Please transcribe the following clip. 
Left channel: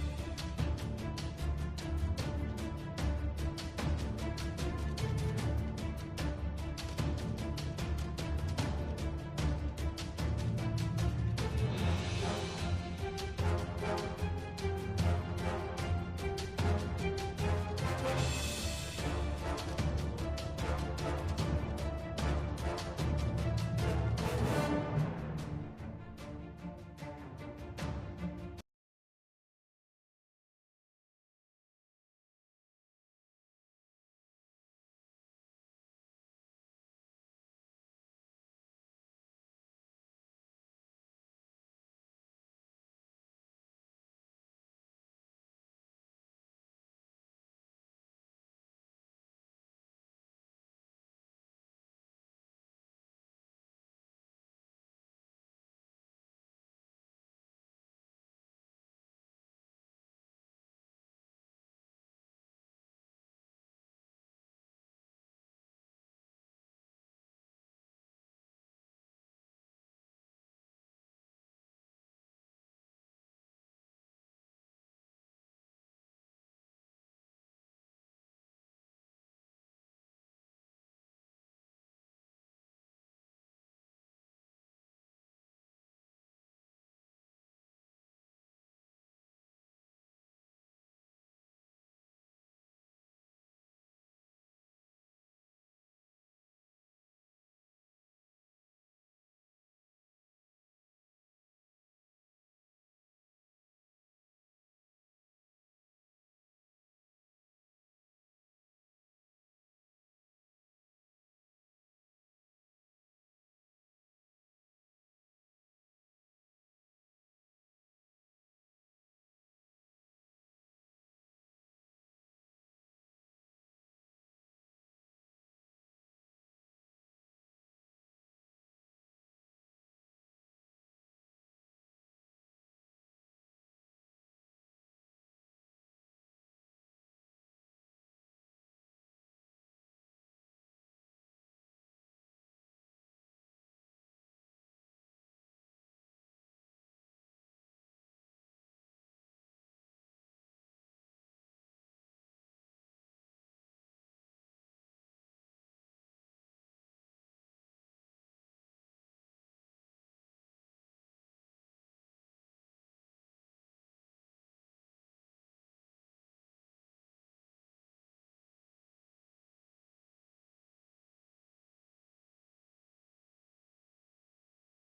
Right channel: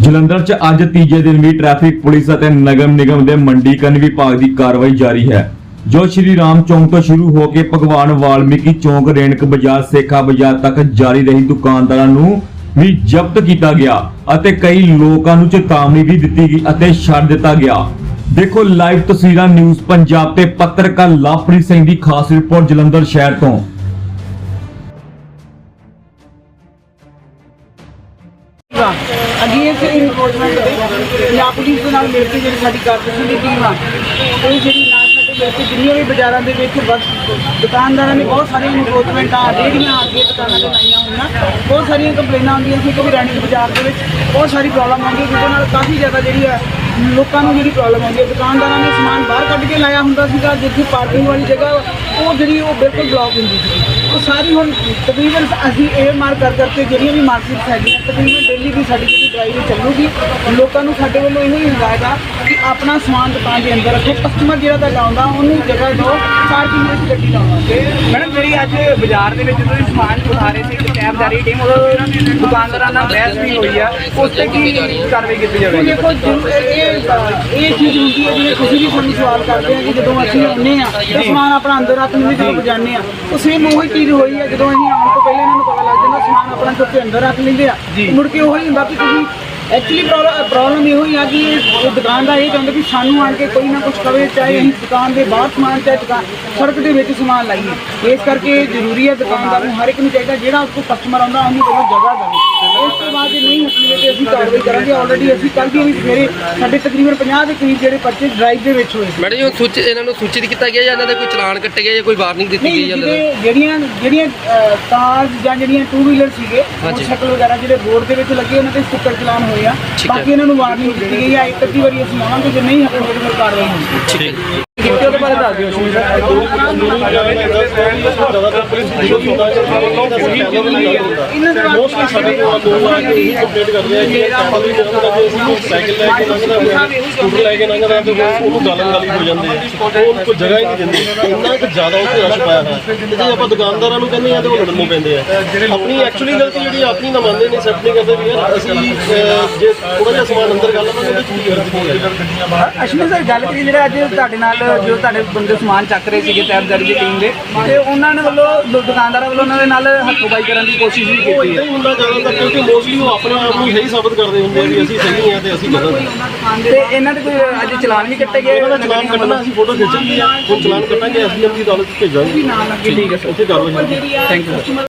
ਜਲੰਧਰ 'ਚ ਅੱਜ ਤੀਜੇ ਦਿਨ ਵੀ ਟ੍ਰੈਫਿਕ ਪੁਲਿਸ ਅਤੇ ਨਗਰ ਨਿਗਮ ਦੇ ਮੰਡੀਕਰਨ ਵਿਭਾਗ ਦੀ ਕਾਰਵਾਈ ਜਾਰੀ ਹੈ। ਜੋ ਸ਼੍ਰੀ ਰਾਮ ਚੌਂਕ ਤੋਂ ਸ਼ੁਰੂ ਹੋ ਕੇ ਭਗਵਾਨ ਵਾਲਮੀਕੀ ਚੌਂਕ, ਰੇਣਕ ਬਾਜ਼ਾਰ, ਸੇਖਾ ਬਾਜ਼ਾਰ ਤੱਕ ਜਾਰੀ ਰਹੀ ਦੁਕਾਨਦਾਰਾਂ ਨੂੰ ਵੀ ਜ਼ਬਤ ਕੀਤਾ ਗਿਆ ਅਤੇ ਕਈ ਲੋਕਾਂ ਨੂੰ ਚੇਤਾਵਨੀ ਵੀ ਦਿੱਤੀ ਗਈ ਅਤੇ ਛੱਡ ਦਿੱਤਾ ਗਿਆ। ਦੇਖੋ ਲਾਈਵ ਤਸਵੀਰਾਂ ਨਿਊਜ਼ ਪੰਜਾਬ ਤੇ ਪੱਤਰਕਾਰ ਲਵਪ੍ਰੀਤ ਸਿੰਘ ਦੀ ਖਾਸ ਰਿਪੋਰਟ ਜਲੰਧਰ ਸ਼ਹਿਰ ਤੋਂ। ਅਗੇਂਸ ਇਨਫੋਰਸਮੈਂਟ ਦੇ ਪੰਜਾਬ ਪੁਲਿਸ ਦੇ ਨਾਲ ਮਿਲ ਕੇ ਜਿਹੜੀ ਸਾਡੀ ਕਾਰਪੋਰੇਸ਼ਨ ਦੀ ਟੀਮ ਆ, ਉਹ ਜਿਹੜੀ ਨਾਲ ਸਾਡੇ ਮਿਲ ਕੇ ਜਿੰਨੀਆਂ ਵੀ ਬਾਜ਼ਾਰਾਂ ਦੇ ਵਿੱਚ ਬਸ ਦੁਕਾਨਦਾਰਾਂ ਨੇ ਬਹੁਤ ਸਾਰੀਆਂ ਇਨਫੋਰਸਮੈਂਟ ਆ ਰੇਹੜੀਆਂ ਅੱਗੇ ਦੁਕਾਨਾਂ ਤੇ ਲਾਈਆਂ ਹੋਈਆਂ। ਬਹੁਤ ਸਾਰੀਆਂ ਕੰਪਲੇਨਾਂ ਆਉਂਦੀਆਂ ਸੀ ਕਿ ਰੈਣਿਕ ਬਾਜ਼ਾਰ ਦੇ ਵਿੱਚ ਬਹੁਤ ਸਾਰੀ ਪ੍ਰੋਬਲਮ ਆਉਂਦੀ ਹੈ, ਜਿਹਦੇ ਨਾਲ ਕਾਫੀ ਜ਼ਿਆਦਾ ਜਿਹੜੀ ਆ ਲੋਕਾਂ ਨੂੰ ਜਿਹੜੀ ਪ੍ਰੋਬਲਮ ਆਉਂਦੀ ਹੈ। ਦੁਕਾਨਦਾਰਾਂ ਨੇ ਸਮਾਨ ਬਾਹਰ ਕੱਢ ਕੇ ਲਾਇਆ ਹੁੰਦਾ ਸੀਗਾ, ਜਿੱਥੇ ਪਾਰਕਿੰਗ ਵਾਲੀ ਜਗ੍ਹਾ ਉਹ ਜਿਹੜੀ ਉਹ ਬਿਲਕੁਲ ਬਲੌਕ ਹੁੰਦੀ ਸੀ। ਉਹ ਸਾਰੀ ਹੁਣ ਤਕਰੀਬਨ ਅਸੀਂ ਇਹ ਮਾਰ ਕਰ ਕਰਕੇ ਜਿਹੜੀਆਂ ਵੀ ਮਾਰਕੀਟਸ ਹੈਗੀਆਂ, ਤਕਰੀਬਨ ਡੇਲੀ ਦੀ ਸਾਡੀ ਜਿਹੜੀ ਡਰਾਈਵ ਚੱਲੂਗੀ। ਲੋਕਾਂ ਨੂੰ ਸਾਡੇ ਵੱਲੋਂ ਇਹੋ ਹੀ ਹਦਾਇਤ ਆ ਕਿ ਆਪਣਾ ਸਮਾਨ ਦੁਕਾਨ ਦੇ ਅੰਦਰ ਰੱਖੋ। ਕਸਟਮਰ ਜਿਹੜਾ ਤੁਹਾਡਾ ਆਉਂਦਾ, ਉਹਨੂੰ ਜਗ੍ਹਾ ਦਿਓ। ਪਾਰਕਿੰਗ ਵਿੱਚ ਗੱਡੀ ਲਾਉਣਾ ਮੈਡਮ ਜਿਹੜੀ ਅੱਜ ਬਾਜ਼ਾਰ ਦੇ ਵਿੱਚ ਤੁਸੀਂ ਸਮਾਨ ਉਠਾ ਰਹੇ ਸੀ ਰਹੀ ਟੀਮ ਉਹ ਦੁਕਾਨਦਾਰਾਂ ਨਾਲ ਬਹਿਸ ਵੀ ਹੋਈ ਆ। ਉਸ ਤੇ ਕੀ ਕਾਰਵਾਈ ਕੀਤੀ ਜਾਵੇਗੀ? ਦੇਖੋ ਜੋ ਇਹ ਇਹ- ਚੀਜ਼ ਹੁੰਦੀ ਹੈ ਜਿਵੇਂ ਤੁਸੀਂ ਵੀ ਸਾਨੂੰ ਸਵਾਲ ਕਰਦੇ ਆ ਕਿ ਜਦੋਂ ਅਸੀਂ ਆਉਂਦੇ ਆ ਤਾਂ ਸਮਾਨ ਆਪਣਾ ਅੰਦਰ ਰੱਖ ਲੈਂਦੇ ਜਦੋਂ ਬਜਾਨੇ ਆ ਉਹ ਸੇਮ ਉਹੀ ਚੀਜ਼ ਹੋਈ ਹੈ ਜਦੋਂ ਅਸੀਂ ਆਉਣ ਤੋਂ ਪਹਿਲਾਂ ਇਹਨਾਂ ਨੂੰ ਪਤਾ ਲੱਗ ਜਾਂਦਾ ਸਮਾਨ ਆਪਣਾ ਚੁੱਕ ਕੇ ਅੰਦਰ ਰੱਖ ਲੈਂਦੇ ਆ। ਮੁੜ ਕੇ ਉਹੀ ਹੁੰਦਾ ਕਿ ਤੁਸੀਂ ਐਕਚੁਅਲੀ ਪ੍ਰੋਬਲਮ ਇਹੋ ਹੀ ਆ ਕਿ ਇਹ ਦੁਕਾਨਦਾਰ ਇਹ ਚਾਹੁੰਦੇ ਕਿ ਸਾਨੂੰ ਆਣ ਕੇ ਕੋਈ ਨਾ ਕੁਝ ਕਵੇ, ਚਾਹੇ ਅਸੀਂ ਦੁਕਾਨ ਦੇ ਬਾਹਰ ਸਮਾਨ, ਚਾਹੇ ਦੁਕਾਨ, ਸੜਕ ਦੇ ਵਿੱਚ ਸਮਾਨ ਲਾਈਏ। ਇਸ ਕਰਕੇ ਜ਼ਰੂਰੀ ਹੈ ਦੁਕਾਨਦਾਰ ਨੂੰ ਹਰ ਇੱਕ ਨੂੰ ਚਾਹੀਦਾ ਜਿਹੜਾ ਉਸ ਕੋਲ ਕਸਟਮਰ ਆਉਂਦਾ, ਉਹਨੂੰ ਪਹਿਲਾਂ ਜਗ੍ਹਾ ਦੇਵੇ। ਇਸ ਤੋਂ ਬਾਅਦ ਇਹ ਨਹੀਂ ਹਟਣਗੇ ਅਸੀਂ ਕਾਰਵਾਈ ਕਰਾਂਗੇ। ਆਲਰੇਡੀ ਅਸੀਂ ਕੱਲ੍ਹ ਵੀ ਸਵੇਰੇ ਸਾਡੇ ਤਕਰੀਬਨ 50 ਦੇ ਕਰੀਬ ਜਿਹੜੇ ਪਰਚੇ ਡਰਾਈਵ ਦੇ ਵਿੱਚ ਹੋਏ। ਸੀ ਮੈਡਮ ਜੀ ਸੂਚਿਤ ਇਹਨਾਂ ਨੂੰ ਸੂਚਿਤ ਕੀਤਾ ਗਿਆ ਜਾਂ ਇਹਨਾਂ ਦੇ ਕੋਈ ਚਲਾਨ ਕੱਟੇ ਗਏ ਜਾਂ ਕੋਈ ਵਾਰਨਿੰਗ ਦਿੱਤੀ ਨਹੀਂ ਗਈ ਜਾਂ ਜਿਹੜੇ ਜਿਹੜੀਆਂ ਜਿਹੜੀਆਂ ਕਾਰਸ ਜਾਂ ਜਿਹੜੀਆਂ ਟੂ ਵੀਲਰ ਸੀਗੇ ਮੋਟਰਸਾਈਕਲ ਵਗੈਰਾ ਜਿਹੜੇ ਬੋਰਡ ਦੇ ਵਿੱਚ ਲੱਗੇ ਉਹਨਾਂ ਤੇ ਸਟicker ਚਲਾਨ ਹੋਏ ਆ। ਠੀਕ ਹੈ। ਬਾਕੀ ਇਹਨਾਂ ਨੂੰ ਵਾਰਨਿੰਗ ਦਿੱਤੀ ਗਈ ਆ। ਇੱਕ ਅੱਧੀ ਵਾਰੀ ਅਸੀਂ ਆਵਾਂਗੇ ਜੇ ਨਹੀਂ ਹਟਣਗੇ ਤਾਂ ਫਿਰ ਕਾਰਵਾਈ ਹੋਣੀ ਠੀਕ ਹੈ। ਕਿਤੇ ਉਹਦੇ ਬਾਰੇ ਦੱਸ ਦਿਓ ਸ਼ਮੀ ਇਹਨਾਂ ਦੇ ਮੋਸਟਲੀ ਸਾਡੇ ਕੋਲ ਲੋਕ ਆ ਕੇ ਇਹੀ ਕੰਪਲੇਂਟ ਕਰਦੇ ਆ ਕਿ ਆਪਾਂ ਵੀ ਕਹਿੰਦਾ ਕਿ ਅਸੀਂ ਸਾਈਕਲ ਲੈ ਕੇ ਲੰਘਦਾ ਸਕੂਟਰ ਲੈ ਕੇ ਲੰਘਦਾ ਤੇ ਉਹ- ਉਹਨੂੰ ਗਾਲਣ ਗਾਲੀ ਹੋ ਜਾਂਦੇ ਆ ਉਹ ਕੋਈ ਜਗ੍ਹਾ ਹੀ ਨਹੀਂ ਦਿੰਦੇ ਇੰਨਾ ਕੁ ਜ਼ਿਆਦਾ ਉੱਥੇ ਰਸ਼ ਪਾਇਆ ਹੋਇਆ ਤੇ ਜੇ ਆਪਾਂ ਦੁਕਾਨਦਾਰਾਂ ਨੂੰ ਕਹਿੰਦੇ ਆ ਤੇ ਉਹ ਲੜਨ ਨੂੰ ਪੈਂਦੇ ਆ ਆਪਣੀ ਐਕਚੁਅਲੀ ਗਲਤੀ ਜਿਹੜੀ ਆਪਣੀ ਨਾ ਮੰਨਦੇ ਨੇ ਸੈਟ ਨਹੀਂ ਕਰਦੇ ਵੀ ਯਾਰ ਅਸੀਂ ਅਹ, ਜੇ ਥੋੜਾ ਜਿਹਾ ਸਮਾਨ ਅੰਦਰ ਕਰ ਲਵਾਂਗੇ ਉਹਦੇ ਚ ਕੀ ਗਲਤੀ ਨਹੀਂ ਹੈ ਅਸ਼ਮੀ ਸਰ ਗੱਲ ਕਰੀ ਜਿਹੜਾ ਅੱਜ ਤੁਹਾਡੇ ਨਾਲ ਜੋ ਤੁਹਾਡੇ ਬੰਦੇ ਸਮਾਨ ਚੱਕ ਰਹੇ ਸੀਗੇ ਤੈਬਦਾਰੀ ਦੀ ਟੀਮ ਦੇ ਤੇ ਉਹਨਾਂ ਨੇ ਵੱਲੋਂ ਦੁ- ਦੁਕਾਨਦਾਰਾਂ ਵੱਲੋਂ ਉਹਨਾਂ ਦੇ ਨਾਲ ਹੱਥੋਂਬਾਈ ਕਰਨ ਦੀ ਕੋਸ਼ਿਸ਼ ਵੀ ਕੀਤੀ ਇਦਾਂ ਹੈ ਹੀ ਹੁੰਦਾ ਜ਼ਿਆਦਾਤਰ ਕਿਉਂਕਿ ਮੋਸਟਲੀ ਉਹ ਆਪਣੇ ਆਪ ਨੂੰ ਸਹੀ ਸਾਬਤ ਕਰਦੇ ਹੁੰਦੇ ਆ ਵੀ ਅਸੀਂ ਸਹੀ ਹਾਂ ਤੇ ਅਸੀਂ ਗਲਤ ਹਾਂ ਤੇ ਇਹਨਾਂ ਦੇ ਕੋਈ ਅੱਜ ਚਲਾਨ ਵੀ ਕੱਟੇ ਗਏ? ਇਹਨਾਂ ਦਾ ਚਲਾਨ ਕੱਟਣਾ ਅਸੀਂ ਫੋਟੋ ਖਿੱਚ ਲਈ ਆ ਹੁਣ ਚਲਾਨ ਕੱਟਾਂਗੇ ਐਸਡੀਐਮ ਦੀ ਅਦਾਲਤ 'ਚ ਭੇਜਾਂਗੇ। ਨਾਲ ਠੀਕ ਹੈ ਉੱਥੇ ਕਾਰਵਾਈ ਹੋਊਗੀ ਜਿਹੜੀ ਆ